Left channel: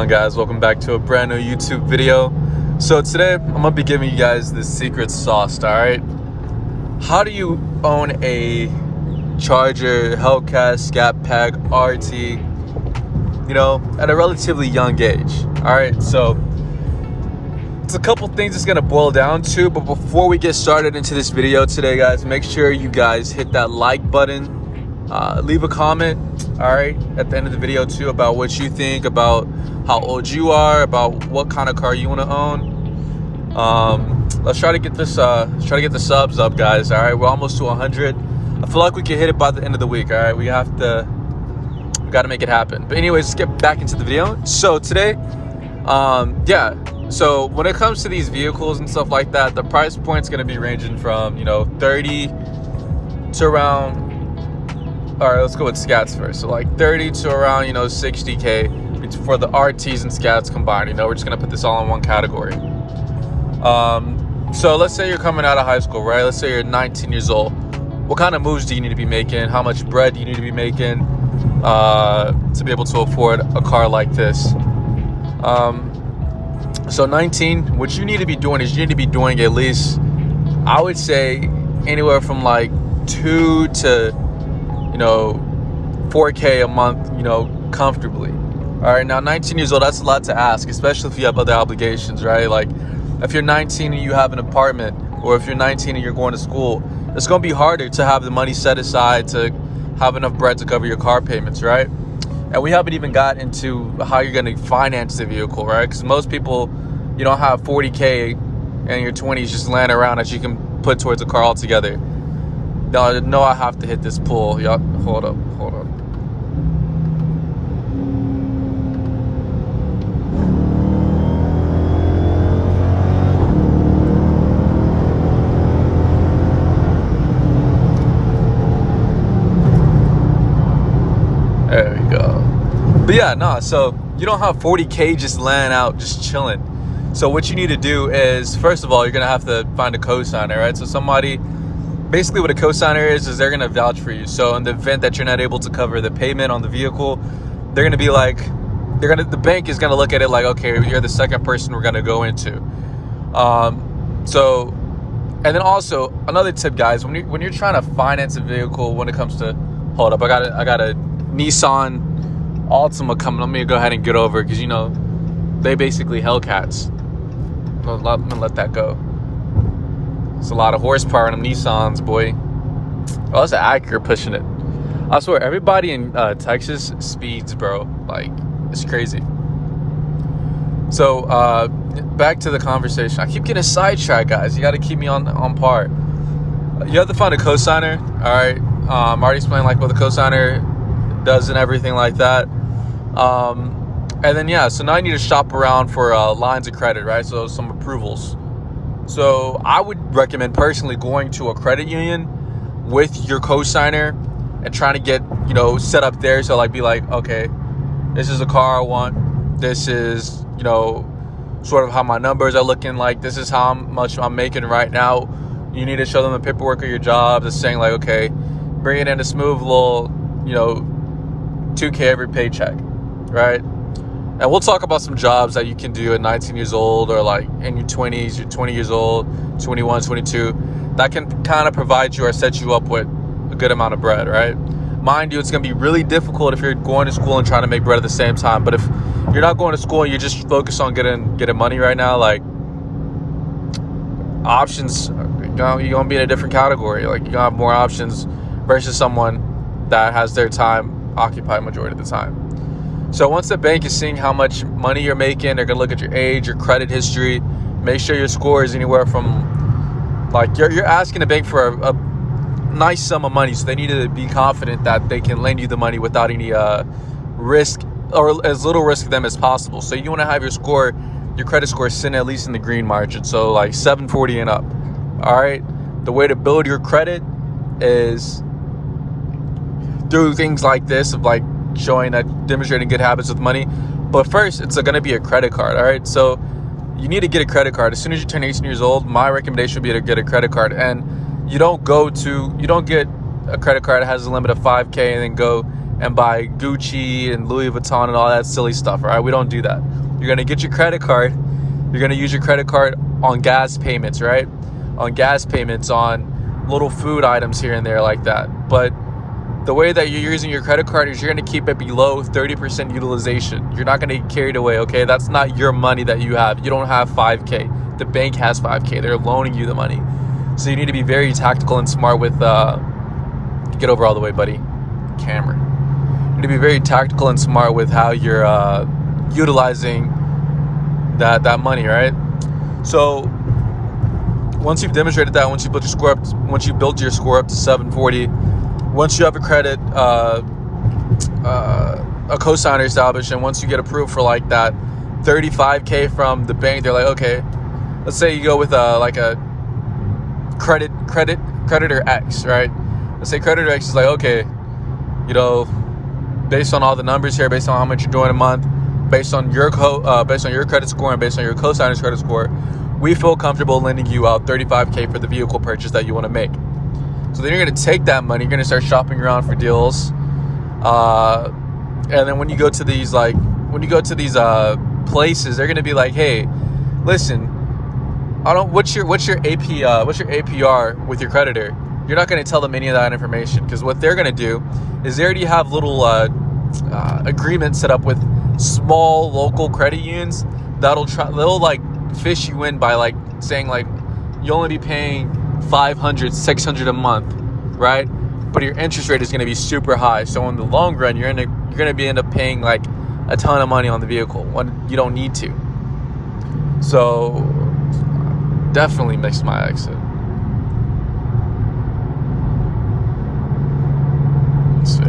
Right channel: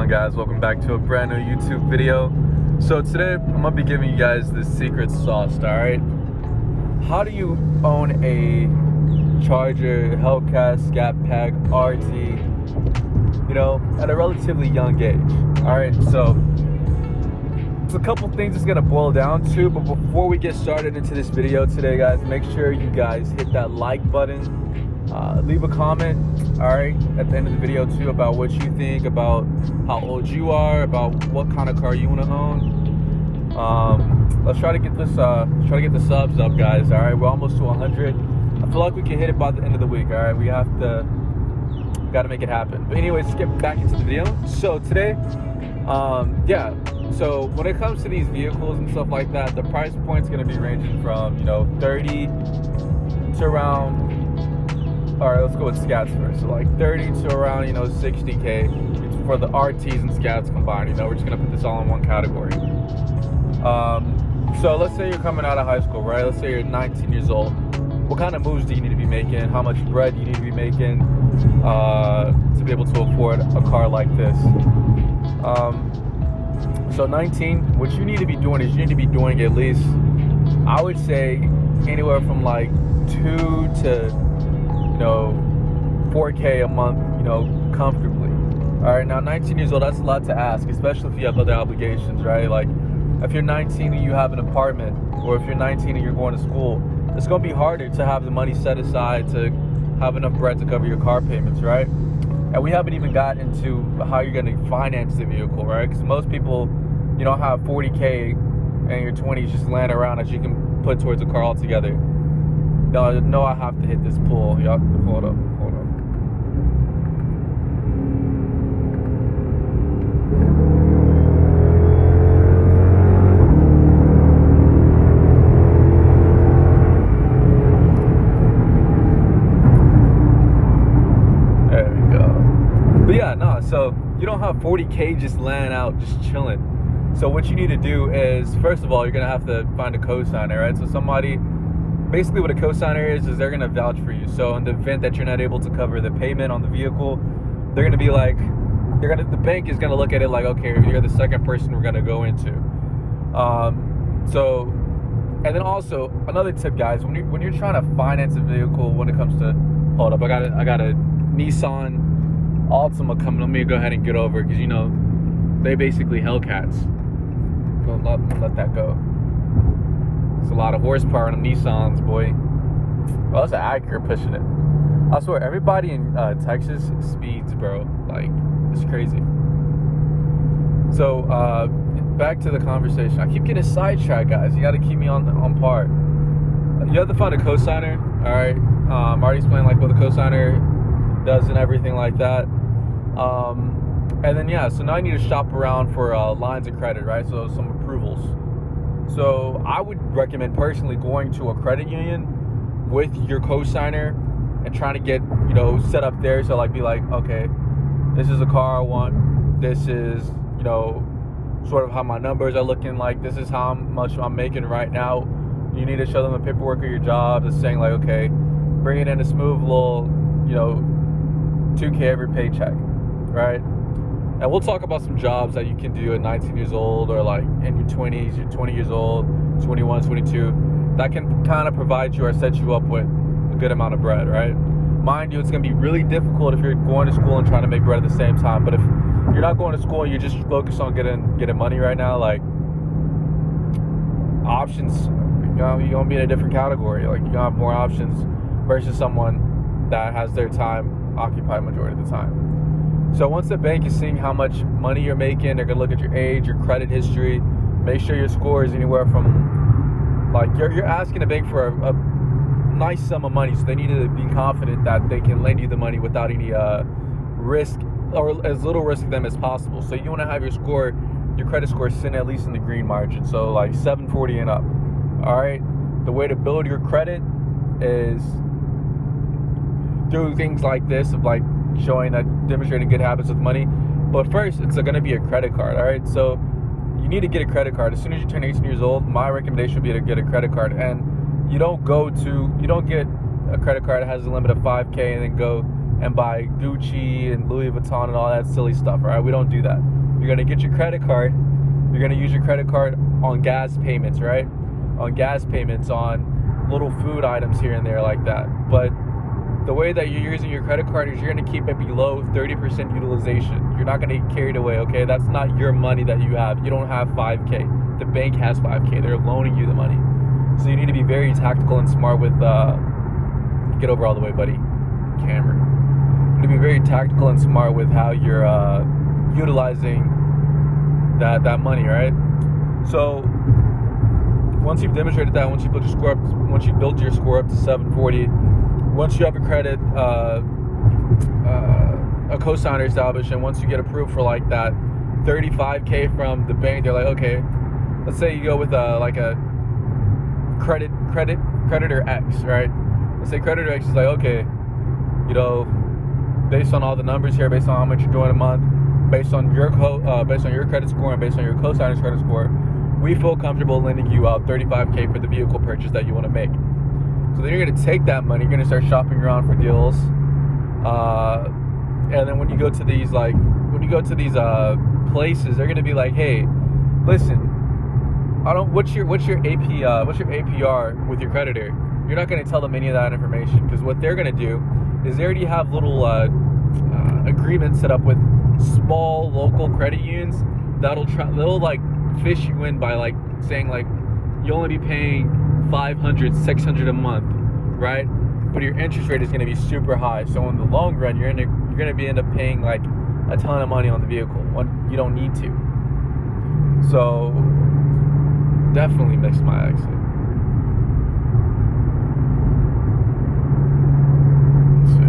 on, guys? Welcome back to a brand new YouTube video. So today I'm gonna be giving you guys the secret sauce. All right, how do you own a Charger, Hellcat, Scatpack, RT, at a relatively young age? All right, so it's a couple things it's gonna boil down to, but before we get started into this video today, guys, make sure you guys hit that like button, leave a comment, all right, at the end of the video too, about what you think, about how old you are, about what kind of car you want to own. Let's try to get this the subs up, guys. All right, we're almost to 100. I feel like we can hit it by the end of the week. All right, we got to make it happen. But anyways, let's get back into the video. So today, so when it comes to these vehicles and stuff like that, the price point's going to be ranging from 30 to around, all right, let's go with Scats first. So like 30 to around 60K. It's for the RTs and Scats combined. We're just going to put this all in one category. So let's say you're coming out of high school, right? Let's say you're 19 years old. What kind of moves do you need to be making? How much bread do you need to be making to be able to afford a car like this? So 19, what you need to be doing is you need to be doing at least, I would say, anywhere from like 2 to 4K a month, comfortably. All right, now 19 years old, that's a lot to ask, especially if you have other obligations, right? Like if you're 19 and you have an apartment, or if you're 19 and you're going to school, it's gonna be harder to have the money set aside to have enough bread to cover your car payments, right? And we haven't even got into how you're gonna finance the vehicle, right? Because most people, you don't have 40K in your 20s just laying around that you can put towards a car altogether. No, I have to hit this pull. Y'all, hold up. There we go. But yeah, no, so you don't have 40K just laying out, just chilling. So what you need to do is, first of all, you're gonna have to find a co-signer, right? So somebody, basically what a co-signer is they're gonna vouch for you. So in the event that you're not able to cover the payment on the vehicle, they're gonna be like, the bank is gonna look at it like, okay, you're the second person we're gonna go into. So, and then also another tip, guys, when you're trying to finance a vehicle, when it comes to, hold up, I got a Nissan Altima coming. Let me go ahead and get over, because they basically Hellcats. I'm gonna let that go. It's a lot of horsepower in them Nissans, boy. Oh, that's an Acura pushing it. I swear, everybody in Texas speeds, bro. Like, it's crazy. So, back to the conversation. I keep getting sidetracked, guys. You got to keep me on par. You have to find a cosigner. All right. I already explained like what the cosigner does and everything like that. And then so now I need to shop around for lines of credit, right? So some approvals. So I would recommend personally going to a credit union with your cosigner and trying to get, set up there. So be like, okay, this is a car I want. This is, sort of how my numbers are looking like. This is how much I'm making right now. You need to show them the paperwork of your job that's saying like, okay, bring it in a smooth little, 2K every paycheck, right? And we'll talk about some jobs that you can do at 19 years old, or like in your 20s, you're 20 years old, 21, 22, that can kind of provide you or set you up with a good amount of bread, right? Mind you, it's going to be really difficult if you're going to school and trying to make bread at the same time. But if you're not going to school and you're just focused on getting money right now, like, options, you're going to be in a different category. Like, you're going to have more options versus someone that has their time occupied majority of the time. So once the bank is seeing how much money you're making, they're gonna look at your age, your credit history, make sure your score is anywhere from, like, you're asking the bank for a nice sum of money, so they need to be confident that they can lend you the money without any risk, or as little risk to them as possible. So you want to have your credit score sitting at least in the green margin, so like 740 and up. All right, the way to build your credit is through things like this, of like demonstrating good habits with money. But first, it's going to be a credit card. All right, so you need to get a credit card as soon as you turn 18 years old. My recommendation would be to get a credit card, and you don't get a credit card that has a limit of 5K and then go and buy Gucci and Louis Vuitton and all that silly stuff, right? We don't do that. You're gonna get your credit card. You're gonna use your credit card on gas payments, right? On gas payments, on little food items here and there like that. But the way that you're using your credit card is you're gonna keep it below 30% utilization. You're not gonna get carried away, okay? That's not your money that you have. You don't have 5K. The bank has 5K. They're loaning you the money. So you need to be very tactical and smart with, get over all the way, buddy. Camera. You need to be very tactical and smart with how you're utilizing that money, right? So once you've demonstrated that, once you built your score up, once you built your score up to 740, once you have a credit, a cosigner established, and once you get approved for like that 35K from the bank, they're like, okay, let's say you go with like a creditor X, right? Let's say creditor X is like, okay, you know, based on all the numbers here, based on how much you're doing a month, based on your credit score and based on your cosigner's credit score, we feel comfortable lending you out 35K for the vehicle purchase that you want to make. So then you're going to take that money, you're going to start shopping around for deals, and then when you go to these places, they're going to be like, hey, listen, what's your APR with your creditor? You're not going to tell them any of that information, because what they're going to do is they already have little agreements set up with small local credit unions they'll like fish you in by like saying like you'll only be paying $500, $600 a month, right? But your interest rate is going to be super high. So in the long run, you're going to be end up paying like a ton of money on the vehicle when you don't need to. So definitely missed my exit. Let's see.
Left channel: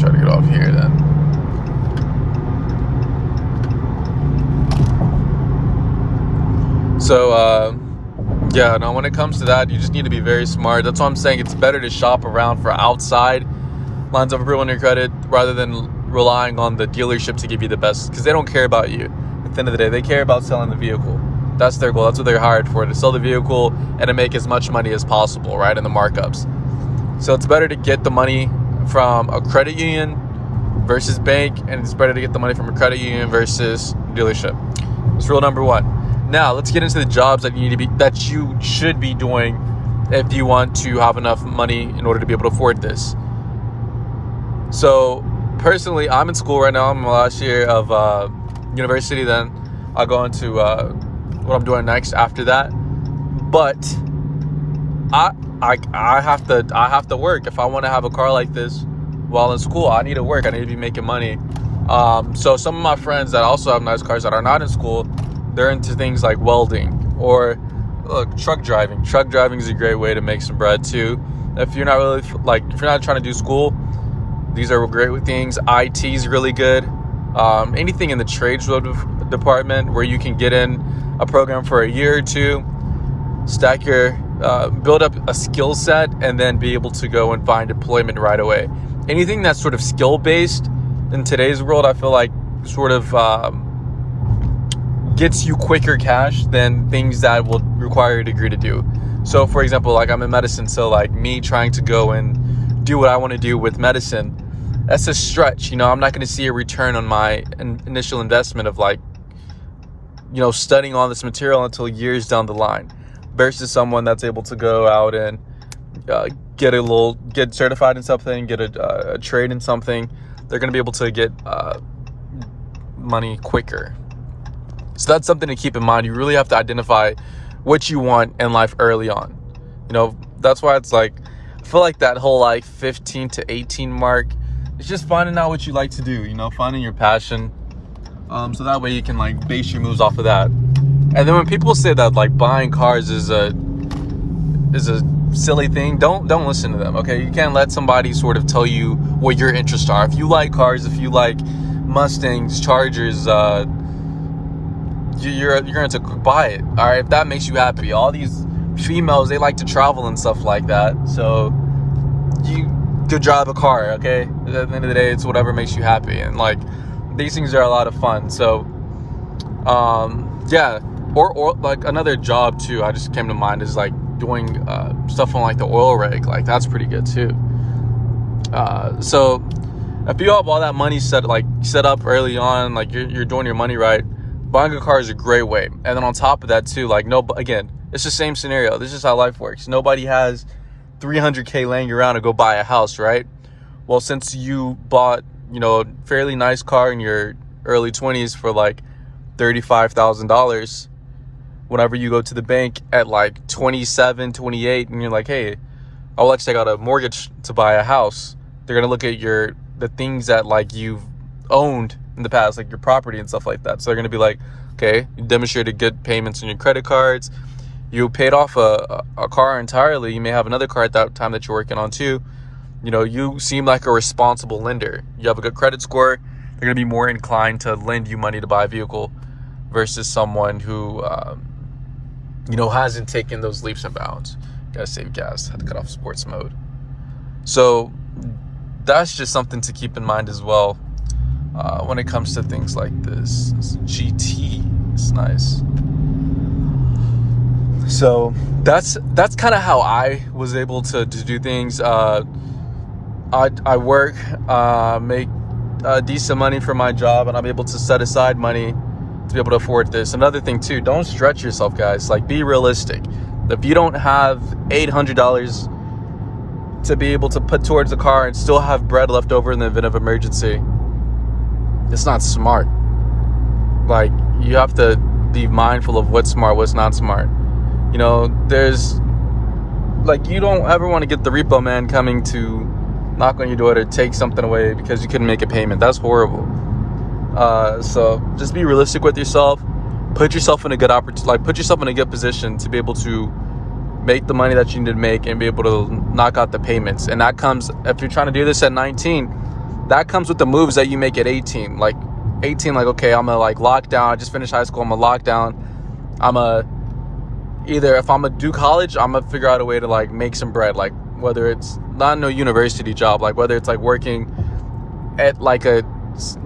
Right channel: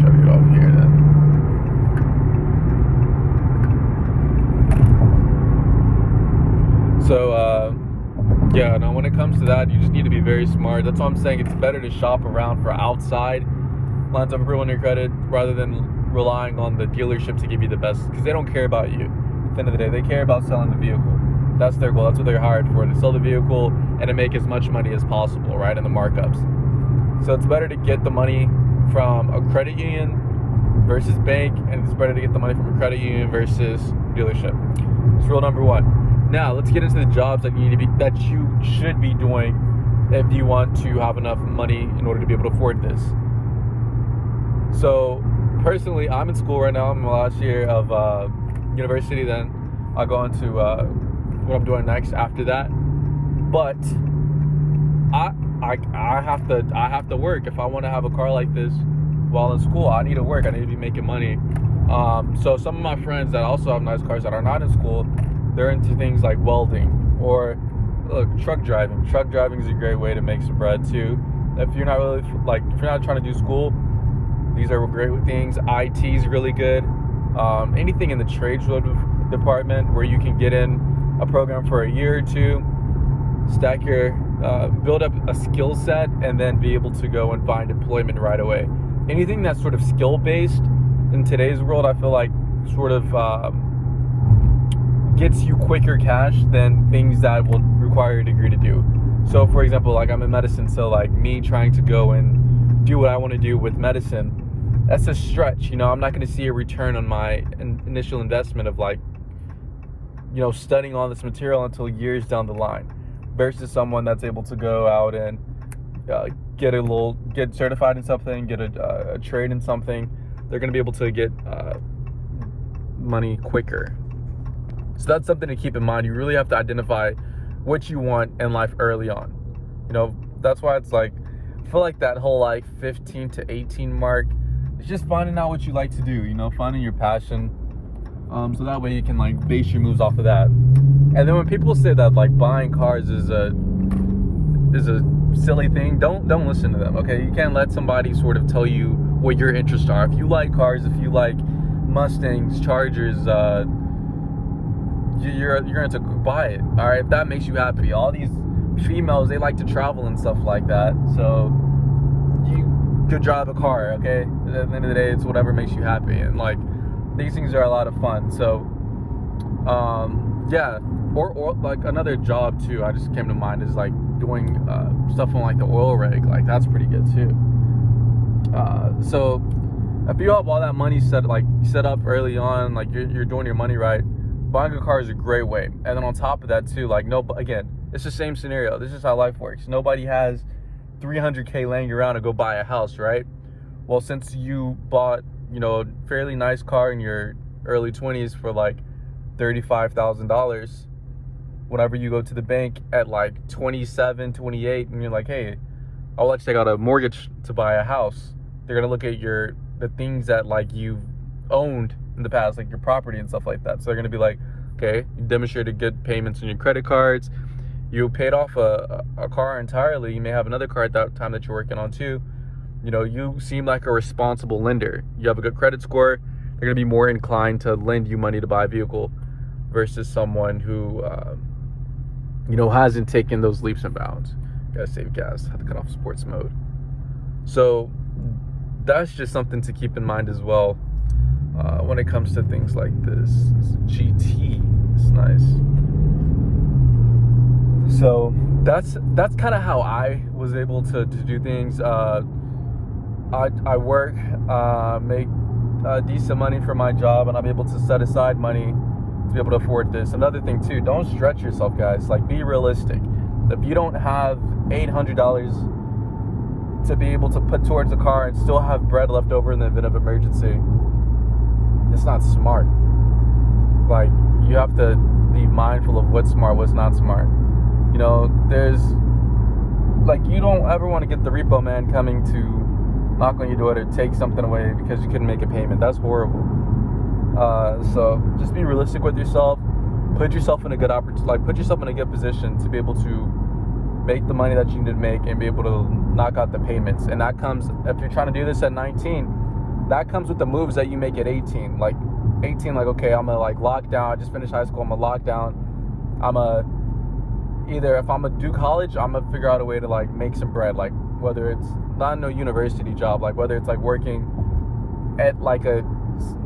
Try to get off here then. So yeah, no, when it comes to that, you just need to be very smart. That's why I'm saying it's better to shop around for outside lines of approval on your credit rather than relying on the dealership to give you the best, because they don't care about you. At the end of the day, they care about selling the vehicle. That's their goal. That's what they're hired for, to sell the vehicle and to make as much money as possible, right, in the markups. So it's better to get the money from a credit union versus bank, and it's better to get the money from a credit union versus dealership. It's rule number one. Now let's get into the jobs that you should be doing if you want to have enough money in order to be able to afford this. So personally, I'm in school right now. I'm in my last year of university. Then I'll go into what I'm doing next after that. But I have to work if I want to have a car like this while in school. I need to work. I need to be making money. So some of my friends that also have nice cars that are not in school, they're into things like welding or truck driving. Truck driving is a great way to make some bread too. If you're not really if you're not trying to do school, these are great things. IT is really good. Anything in the trades department where you can get in a program for a year or two, stack your build up a skill set, and then be able to go and find employment right away. Anything that's sort of skill based in today's world, I feel like sort of gets you quicker cash than things that will require a degree to do. So for example, like I'm in medicine, so like me trying to go and do what I want to do with medicine, that's a stretch. You know, I'm not going to see a return on my initial investment of like, you know, studying all this material until years down the line, versus someone that's able to go out and get certified in something, get a trade in something. They're going to be able to get money quicker. So that's something to keep in mind. You really have to identify what you want in life early on. You know, that's why it's like, I feel like that whole like 15 to 18 mark, it's just finding out what you like to do, you know, finding your passion. So that way you can like base your moves off of that. And then when people say that like buying cars is a silly thing, don't listen to them, okay? You can't let somebody sort of tell you what your interests are. If you like cars, if you like Mustangs, Chargers, you're going to buy it, all right? If that makes you happy. All these females, they like to travel and stuff like that, so you could drive a car, okay? At the end of the day, it's whatever makes you happy, and like these things are a lot of fun. So yeah, or like another job too, I just came to mind, is like doing stuff on like the oil rig. Like that's pretty good too. So if you have all that money set up early on, like you're doing your money right, buying a car is a great way. And then on top of that too, like again, it's the same scenario. This is how life works. Nobody has $300K laying around to go buy a house, right? Well, since you bought, you know, a fairly nice car in your early 20s for like $35,000, whenever you go to the bank at like 27, 28, and you're like, hey, I will actually got a mortgage to buy a house, they're gonna look at the things that like you've owned in the past, like your property and stuff like that. So they're gonna be like, okay, you demonstrated good payments on your credit cards, you paid off a car entirely, you may have another car at that time that you're working on too. You know, you seem like a responsible lender. You have a good credit score. They're going to be more inclined to lend you money to buy a vehicle versus someone who, you know, hasn't taken those leaps and bounds. Gotta save gas. Had to cut off sports mode. So that's just something to keep in mind as well when it comes to things like this. This GT. It's nice. So that's kind of how I was able to do things. I work, make decent money for my job, and I'm able to set aside money to be able to afford this. Another thing too, don't stretch yourself, guys. Like, be realistic. If you don't have $800 to be able to put towards a car and still have bread left over in the event of emergency, it's not smart. Like, you have to be mindful of what's smart, what's not smart. You know, there's like, you don't ever want to get the repo man coming to knock on your door to take something away because you couldn't make a payment. That's horrible. So just be realistic with yourself. Put yourself in a good put yourself in a good position to be able to make the money that you need to make and be able to knock out the payments. And that comes, if you're trying to do this at 19, that comes with the moves that you make at 18. Like 18, like, okay, I'm gonna like lock down. I just finished high school. I'm gonna lock down. Either if I'm gonna do college, I'm gonna figure out a way to like make some bread. Like, whether it's not no university job, like whether it's like working at like a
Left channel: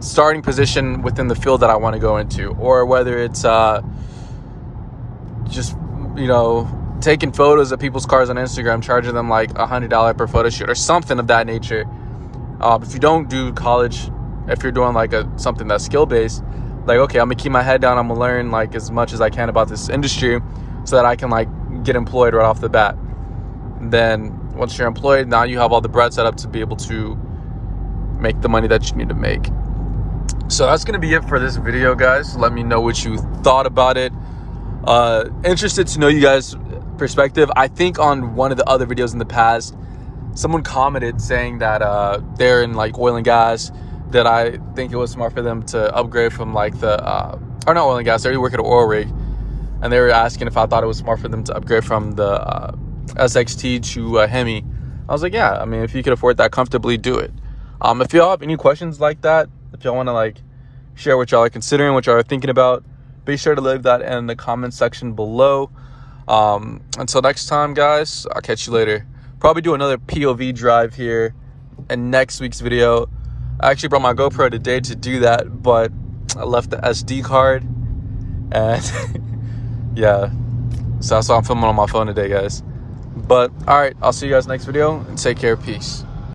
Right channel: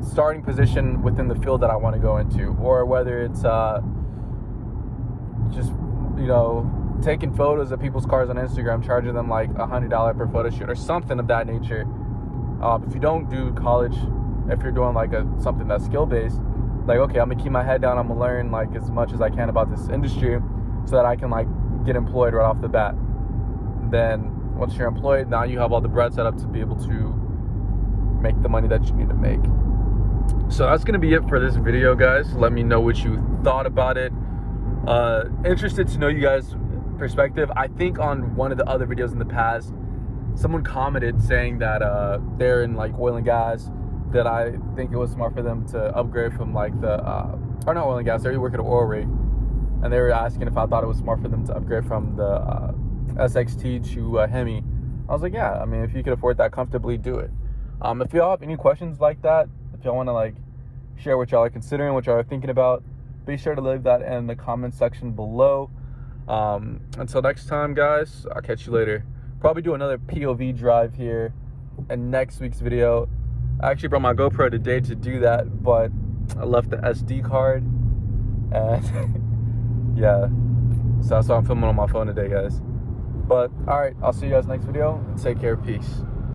starting position within the field that I want to go into, or whether it's just, you know, taking photos of people's cars on Instagram, charging them like $100 per photo shoot or something of that nature. If you don't do college, if you're doing like something that's skill based, like, okay, I'm gonna keep my head down, I'm gonna learn like as much as I can about this industry so that I can like get employed right off the bat. Then once you're employed, now you have all the bread set up to be able to make the money that you need to make. So that's gonna be it for this video, guys. Let me know what you thought about it. Interested to know you guys' perspective. I think on one of the other videos in the past, someone commented saying that they're in like oil and gas, that I think it was smart for them to upgrade from like or not oil and gas, they already work at an oil rig, and they were asking if I thought it was smart for them to upgrade from the SXT to Hemi. I was like, yeah, I mean, if you could afford that comfortably, do it. If y'all have any questions like that, if y'all want to like share what y'all are considering, what y'all are thinking about, be sure to leave that in the comment section below. Until next time, guys, I'll catch you later. Probably do another POV drive here in next week's video. I actually brought my GoPro today to do that, but I left the SD card, and yeah, so that's why I'm filming on my phone today, guys. But all right, I'll see you guys next video, and take care. Peace.